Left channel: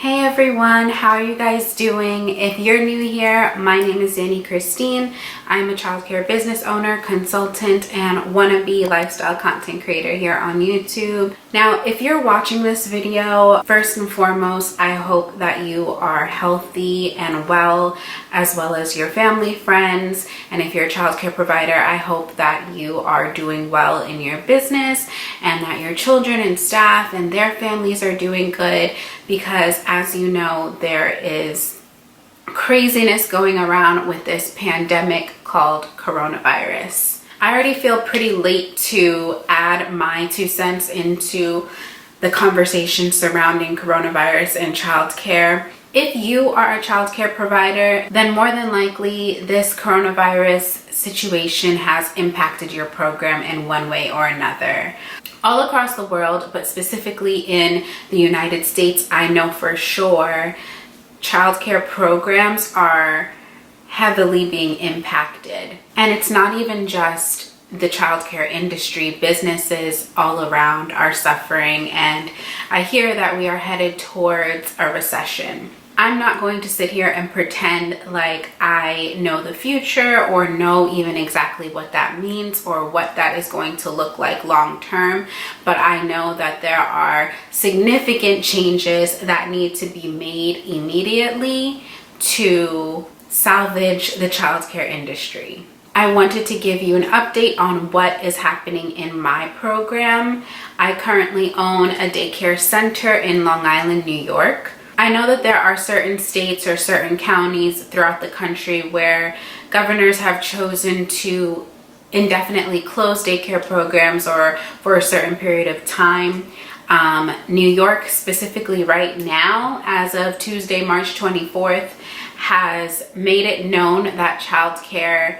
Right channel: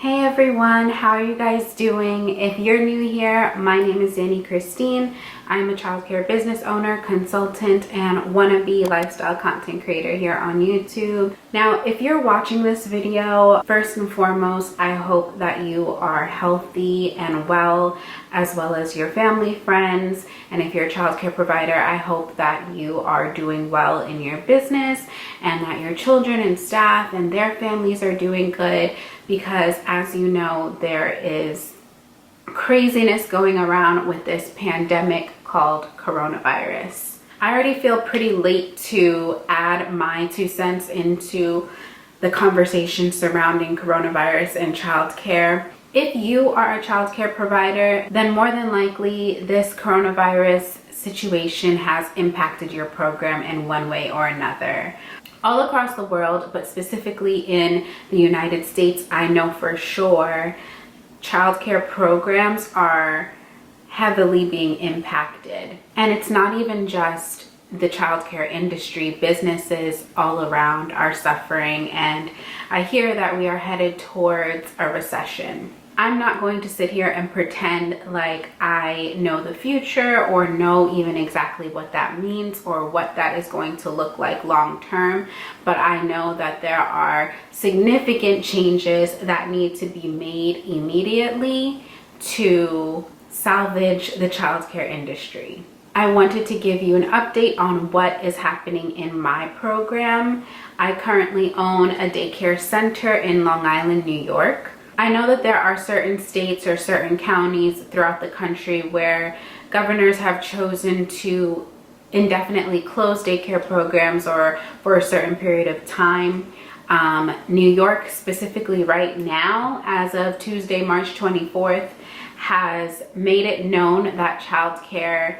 Hey everyone, how are you guys doing? If you're new here, my name is Danny Christine. I'm a childcare business owner, consultant, and wannabe lifestyle content creator here on YouTube. Now, if you're watching this video, first and foremost, I hope that you are healthy and well as your family, friends. And if you're a childcare provider, I hope that you are doing well in your business and that your children and staff and their families are doing good, because as you know, there is craziness going around with this pandemic called coronavirus. I already feel pretty late to add my 2 cents into the conversation surrounding coronavirus and childcare. If you are a childcare provider, then more than likely this coronavirus situation has impacted your program in one way or another. All across the world, but specifically in the United States, I know for sure childcare programs are heavily being impacted. And it's not even just the childcare industry. Businesses all around are suffering, and I hear that we are headed towards a recession. I'm not going to sit here and pretend like I know the future or know even exactly what that means or what that is going to look like long term, but I know that there are significant changes that need to be made immediately to salvage the childcare industry. I wanted to give you an update on what is happening in my program. I currently own a daycare center in Long Island, New York. I know that there are certain states or certain counties throughout the country where governors have chosen to indefinitely close daycare programs or for a certain period of time. New York specifically right now, as of Tuesday, March 24th, has made it known that childcare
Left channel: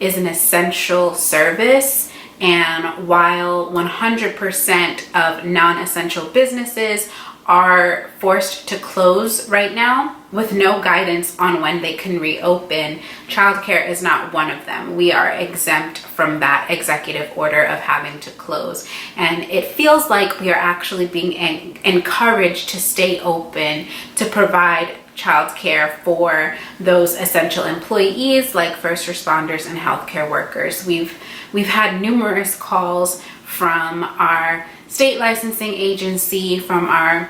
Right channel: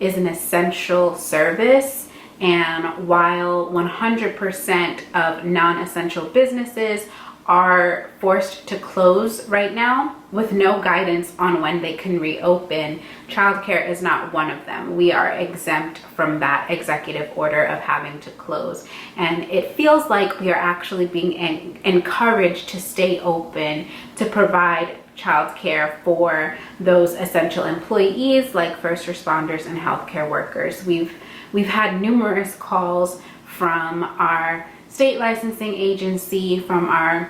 is an essential service. And while 100% of non-essential businesses are forced to close right now with no guidance on when they can reopen, childcare is not one of them. We are exempt from that executive order of having to close. And it feels like we are actually being encouraged to stay open to provide childcare for those essential employees like first responders and healthcare workers. We've had numerous calls from our state licensing agency, from our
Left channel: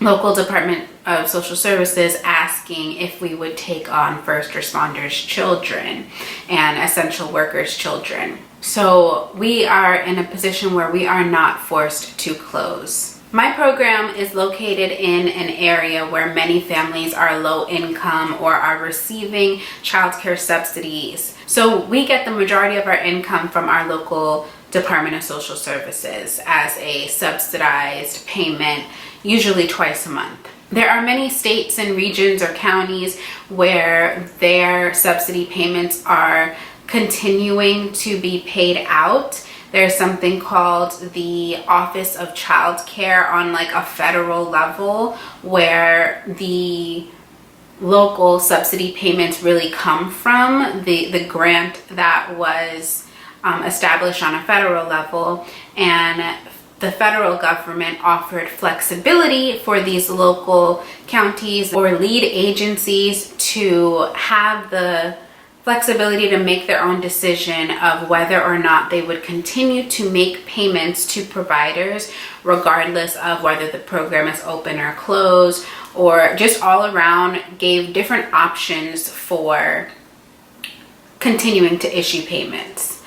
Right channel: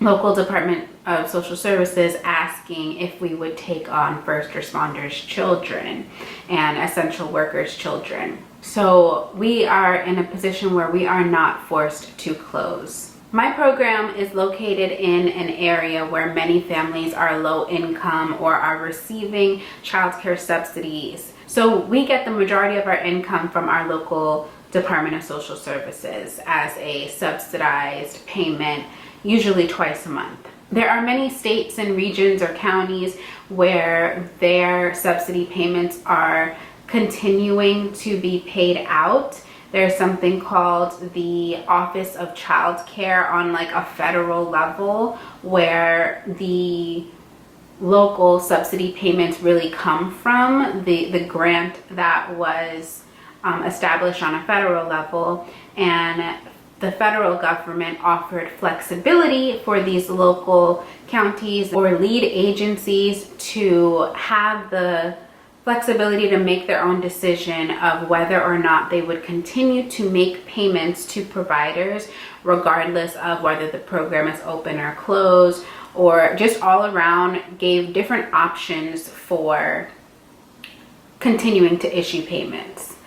local Department of Social Services, asking if we would take on first responders' children and essential workers' children. So we are in a position where we are not forced to close. My program is located in an area where many families are low income or are receiving childcare subsidies. So we get the majority of our income from our local Department of Social Services as a subsidized payment, usually twice a month. There are many states and regions or counties where their subsidy payments are continuing to be paid out. There's something called the Office of Childcare on like a federal level, where the local subsidy payments really come from, the grant that was established on a federal level. And the federal government offered flexibility for these local counties or lead agencies to have the flexibility to make their own decision of whether or not they would continue to make payments to providers, regardless of whether the program is open or closed, or just all around gave different options for continuing to issue payments.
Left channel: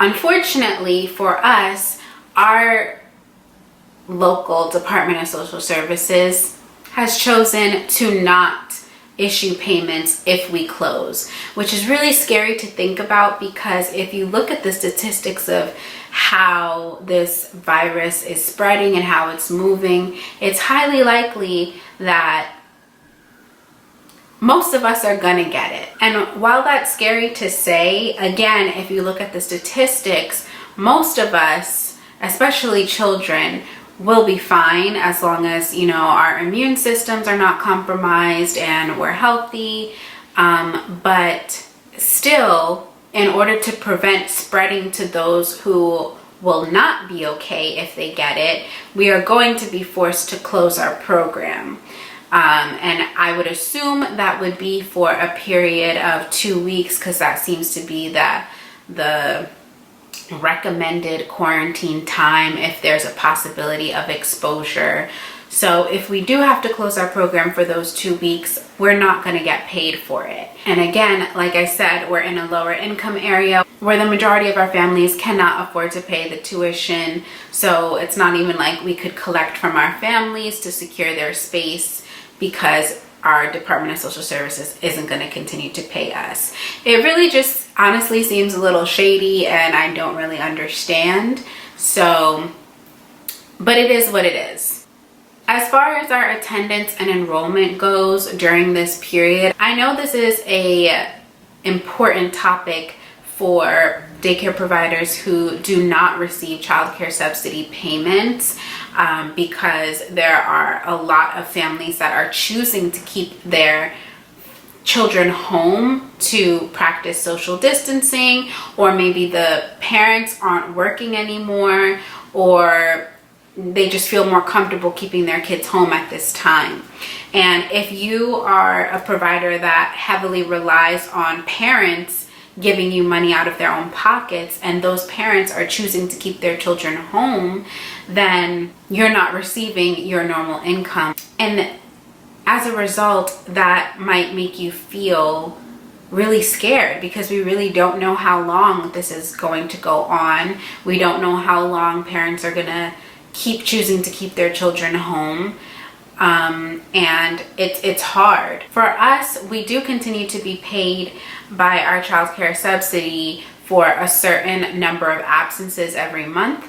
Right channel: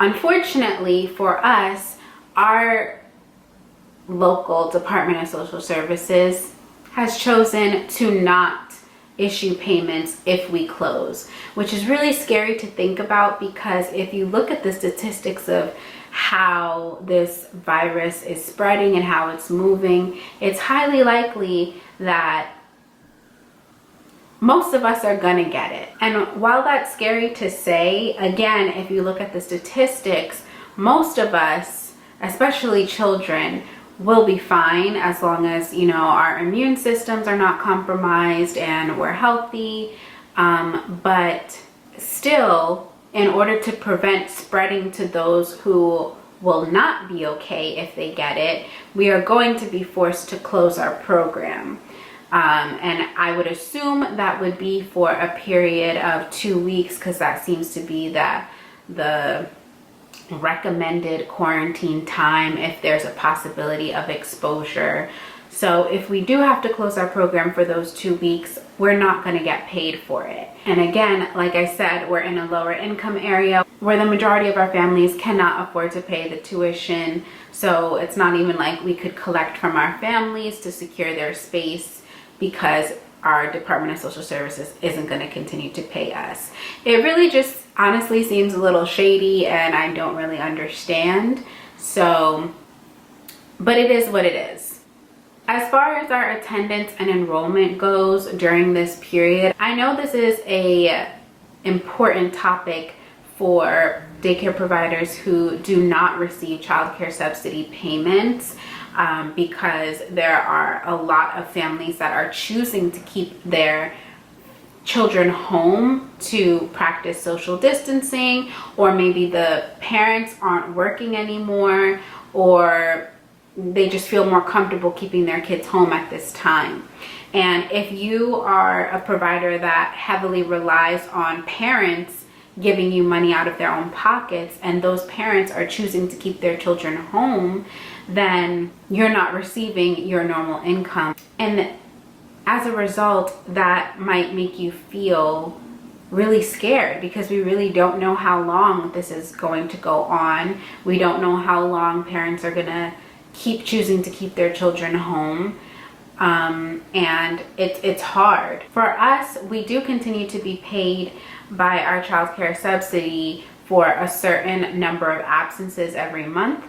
Unfortunately for us, our local Department of Social Services has chosen to not issue payments if we close, which is really scary to think about, because if you look at the statistics of how this virus is spreading and how it's moving, it's highly likely that most of us are gonna get it. And while that's scary to say, again, if you look at the statistics, most of us, especially children, will be fine as long as, you know, our immune systems are not compromised and we're healthy. But still, in order to prevent spreading to those who will not be okay if they get it, we are going to be forced to close our program. And I would assume that would be for a period of 2 weeks, because that seems to be the recommended quarantine time if there's a possibility of exposure. So if we do have to close our program for those 2 weeks, we're not going to get paid for it. And again, like I said, we're in a lower income area where the majority of our families cannot afford to pay the tuition. So it's not even like we could collect from our families to secure their space, because our Department of Social Services isn't going to continue to pay us. It really just honestly seems a little shady, and I don't really understand. So, but it is what it is. As far as our attendance and enrollment goes during this period, I know this is a important topic for daycare providers who do not receive childcare subsidy payments, because there are a lot of families that are choosing to keep their children home to practice social distancing, or maybe the parents aren't working anymore, or they just feel more comfortable keeping their kids home at this time. And if you are a provider that heavily relies on parents giving you money out of their own pockets, and those parents are choosing to keep their children home, then you're not receiving your normal income. And as a result, that might make you feel really scared, because we really don't know how long this is going to go on. We don't know how long parents are gonna keep choosing to keep their children home. And it's hard. For us, we do continue to be paid by our childcare subsidy for a certain number of absences every month.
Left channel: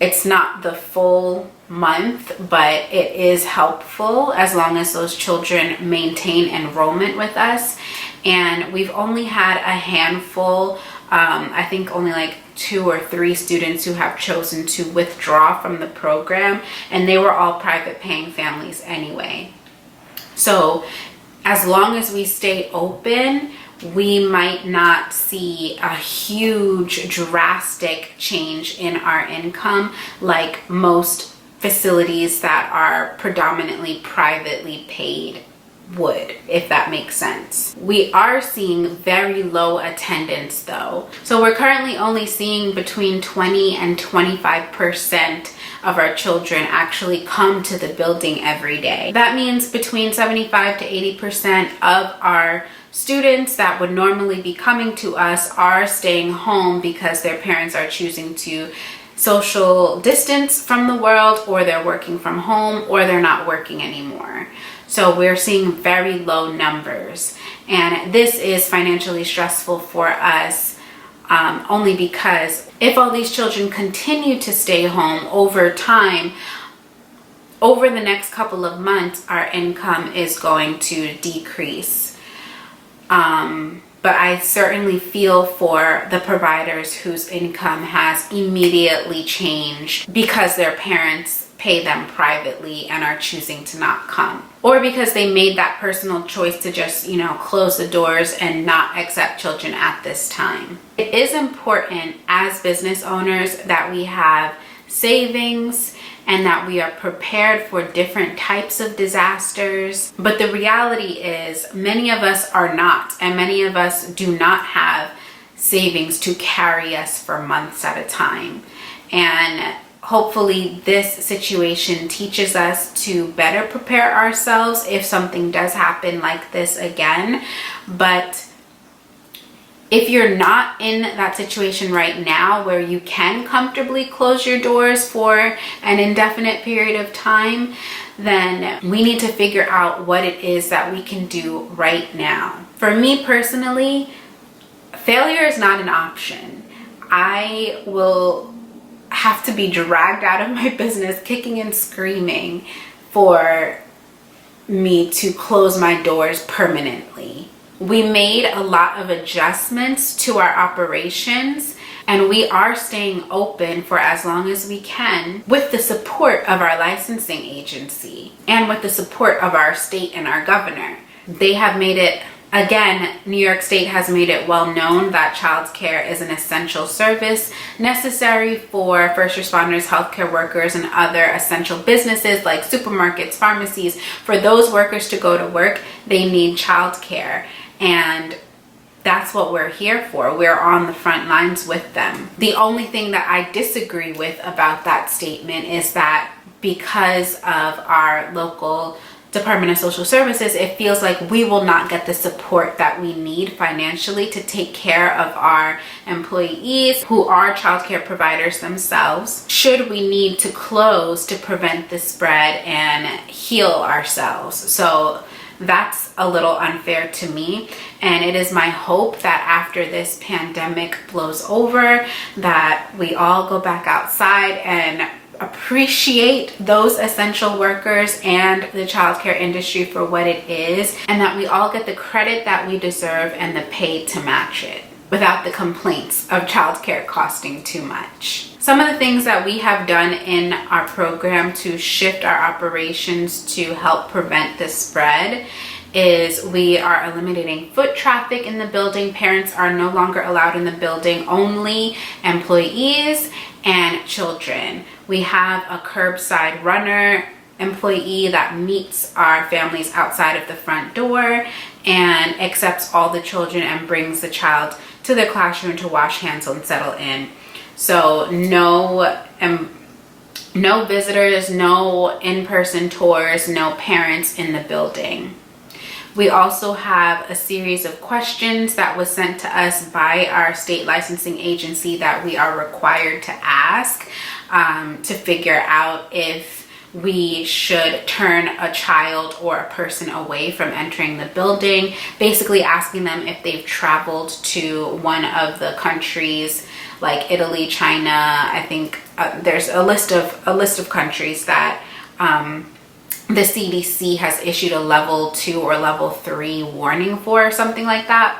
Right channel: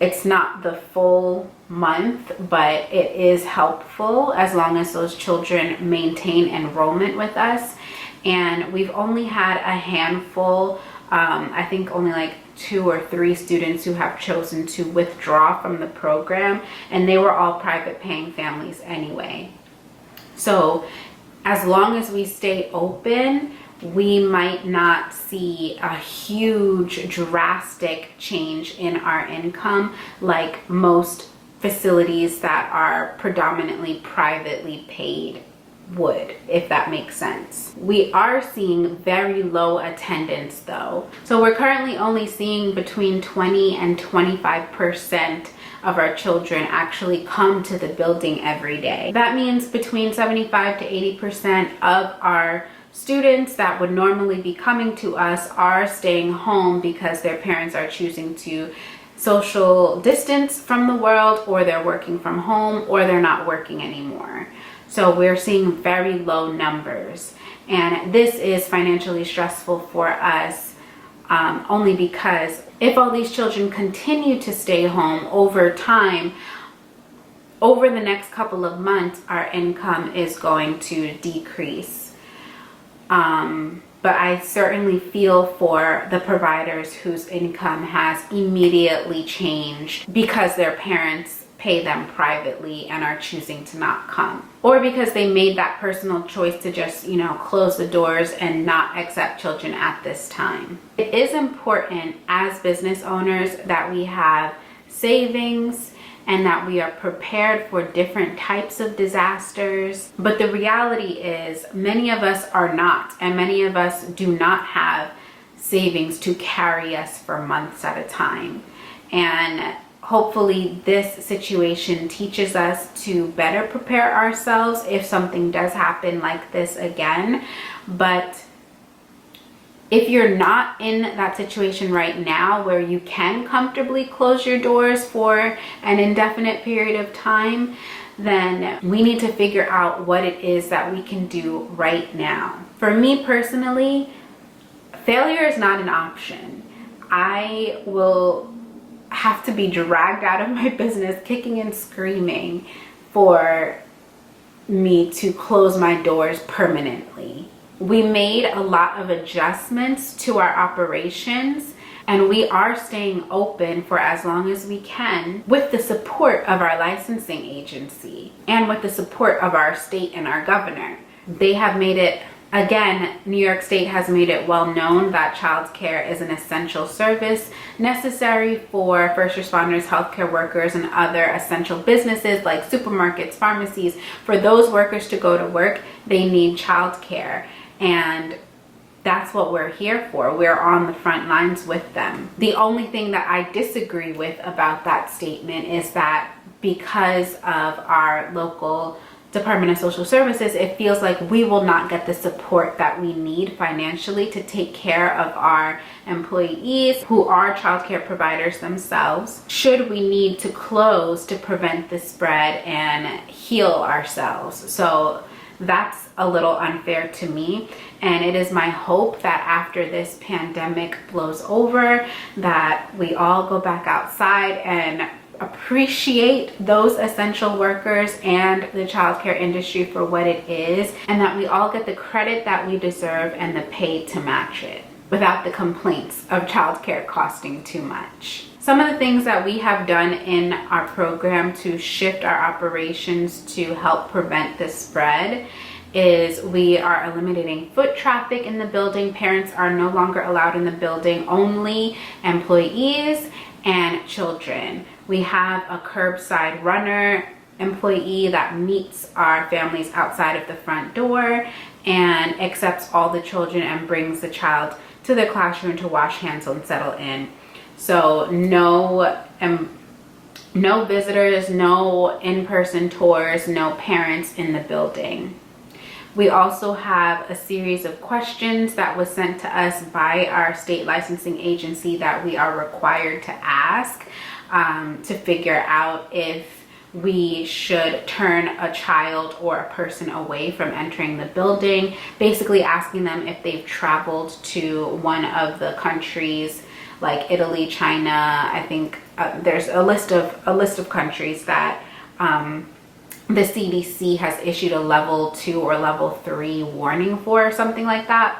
It's not the full month, but it is helpful as long as those children maintain enrollment with us. And we've only had a handful, I think only like 2 or 3 students who have chosen to withdraw from the program, and they were all private paying families anyway. So as long as we stay open, we might not see a huge drastic change in our income like most facilities that are predominantly privately paid would, if that makes sense. We are seeing very low attendance though. So we're currently only seeing between 20 and 25% of our children actually come to the building every day. That means between 75 to 80% of our students that would normally be coming to us are staying home because their parents are choosing to social distance from the world, or they're working from home, or they're not working anymore. So we're seeing very low numbers, and this is financially stressful for us, only because if all these children continue to stay home over time, over the next couple of months, our income is going to decrease. But I certainly feel for the providers whose income has immediately changed because their parents pay them privately and are choosing to not come, or because they made that personal choice to just, close the doors and not accept children at this time. It is important as business owners that we have savings and that we are prepared for different types of disasters. But the reality is many of us are not, and many of us do not have savings to carry us for months at a time. And hopefully this situation teaches us to better prepare ourselves if something does happen like this again. But if you're not in that situation right now where you can comfortably close your doors for an indefinite period of time, then we need to figure out what it is that we can do right now. For me personally, failure is not an option. I will have to be dragged out of my business kicking and screaming for me to close my doors permanently. We made a lot of adjustments to our operations, and we are staying open for as long as we can with the support of our licensing agency and with the support of our state and our governor. They have made it Again, New York State has made it well known that childcare is an essential service necessary for first responders, healthcare workers, and other essential businesses like supermarkets, pharmacies. For those workers to go to work, they need childcare. And that's what we're here for. We're on the front lines with them. The only thing that I disagree with about that statement is that because of our local Department of Social Services, it feels like we will not get the support that we need financially to take care of our employees who are childcare providers themselves, should we need to close to prevent the spread and heal ourselves. So that's a little unfair to me, and it is my hope that after this pandemic blows over, that we all go back outside and appreciate those essential workers and the childcare industry for what it is, and that we all get the credit that we deserve and the pay to match it without the complaints of childcare costing too much. Some of the things that we have done in our program to shift our operations to help prevent the spread is we are eliminating foot traffic in the building. Parents are no longer allowed in the building, only employees and children. We have a curbside runner employee that meets our families outside of the front door and accepts all the children and brings the child to the classroom to wash hands and settle in. So no visitors, no in-person tours, no parents in the building. We also have a series of questions that was sent to us by our state licensing agency that we are required to ask to figure out if we should turn a child or a person away from entering the building, basically asking them if they've traveled to one of the countries like Italy, China. I think there's a list of countries that the CDC has issued a level 2 or level 3 warning for, or something like that.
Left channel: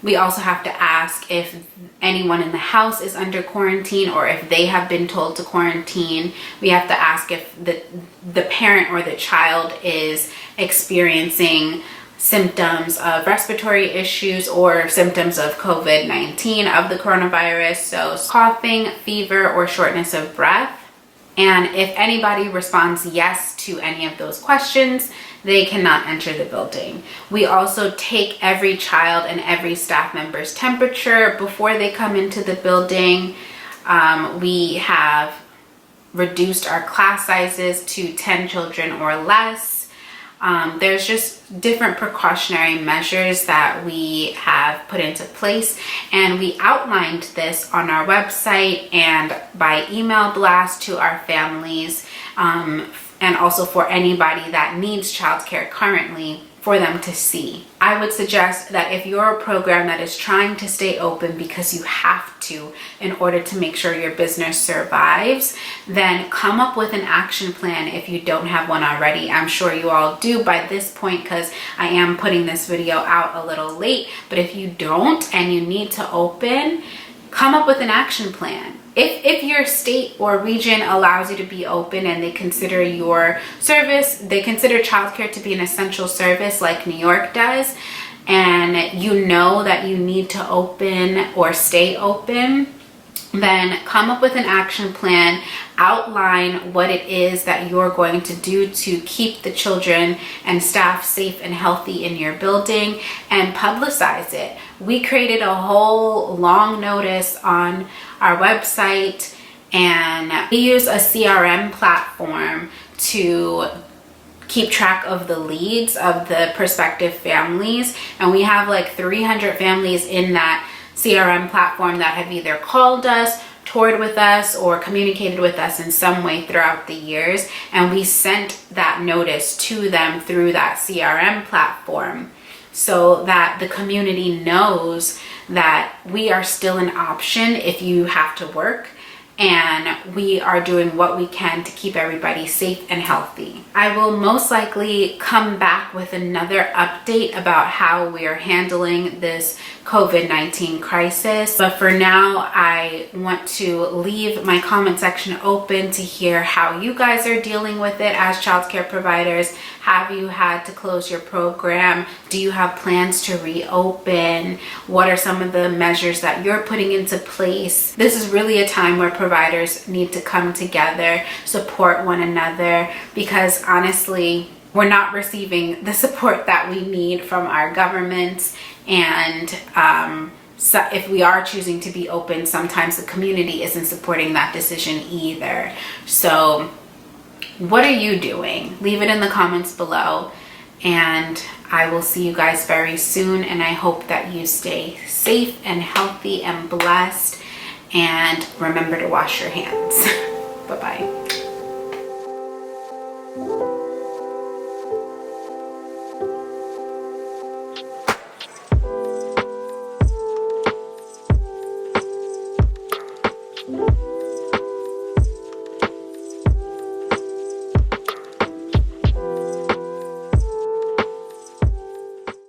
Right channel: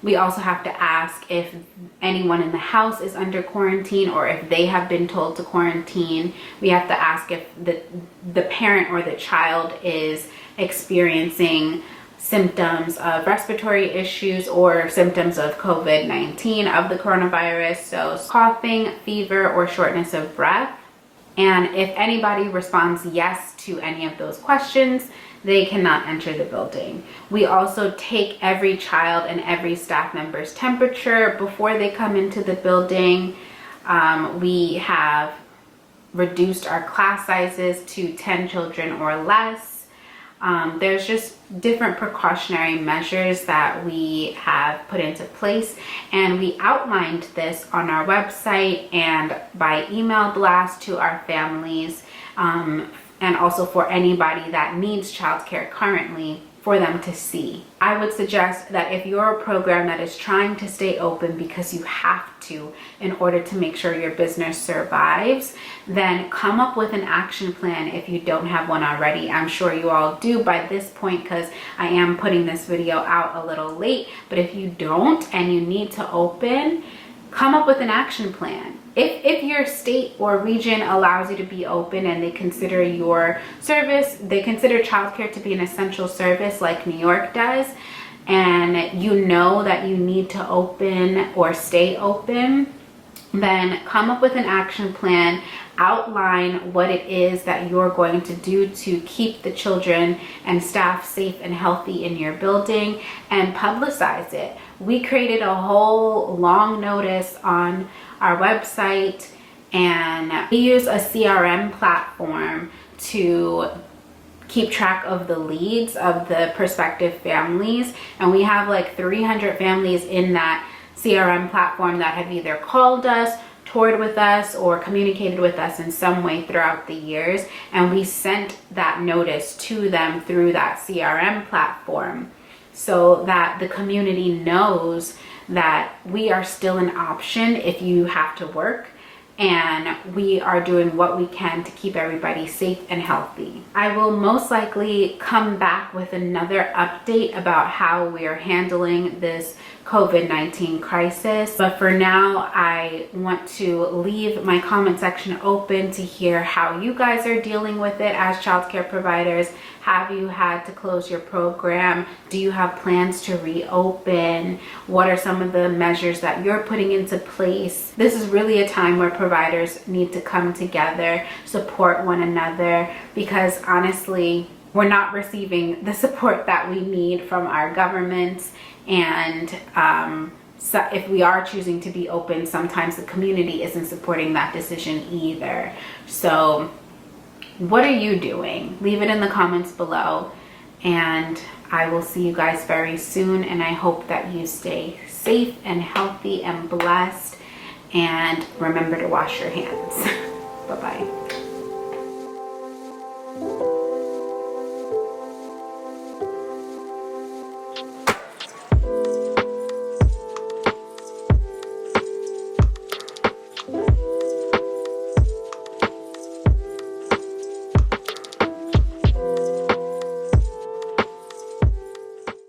We also have to ask if anyone in the house is under quarantine or if they have been told to quarantine. We have to ask if the parent or the child is experiencing symptoms of respiratory issues or symptoms of COVID-19, of the coronavirus, so coughing, fever, or shortness of breath. And if anybody responds yes to any of those questions, they cannot enter the building. We also take every child and every staff member's temperature before they come into the building. We have reduced our class sizes to 10 children or less. There's just different precautionary measures that we have put into place, and we outlined this on our website and by email blast to our families, and also for anybody that needs childcare currently, for them to see. I would suggest that if you're a program that is trying to stay open because you have to in order to make sure your business survives, then come up with an action plan if you don't have one already. I'm sure you all do by this point because I am putting this video out a little late, but if you don't and you need to open, come up with an action plan. If your state or region allows you to be open and they consider your service, they consider childcare to be an essential service like New York does, and you know that you need to open or stay open, then come up with an action plan, outline what it is that you're going to do to keep the children and staff safe and healthy in your building, and publicize it. We created a whole long notice on our website, and we use a CRM platform to keep track of the leads of the prospective families, and we have like 300 families in that CRM platform that have either called us, toured with us, or communicated with us in some way throughout the years, and we sent that notice to them through that CRM platform so that the community knows that we are still an option if you have to work, and we are doing what we can to keep everybody safe and healthy. I will most likely come back with another update about how we are handling this COVID-19 crisis. But for now, I want to leave my comment section open to hear how you guys are dealing with it as childcare providers. Have you had to close your program? Do you have plans to reopen? What are some of the measures that you're putting into place? This is really a time where providers need to come together, support one another, because honestly, we're not receiving the support that we need from our governments. And so if we are choosing to be open, sometimes the community isn't supporting that decision either. So what are you doing? Leave it in the comments below, and I will see you guys very soon. And I hope that you stay safe and healthy and blessed, and remember to wash your hands. Bye-bye.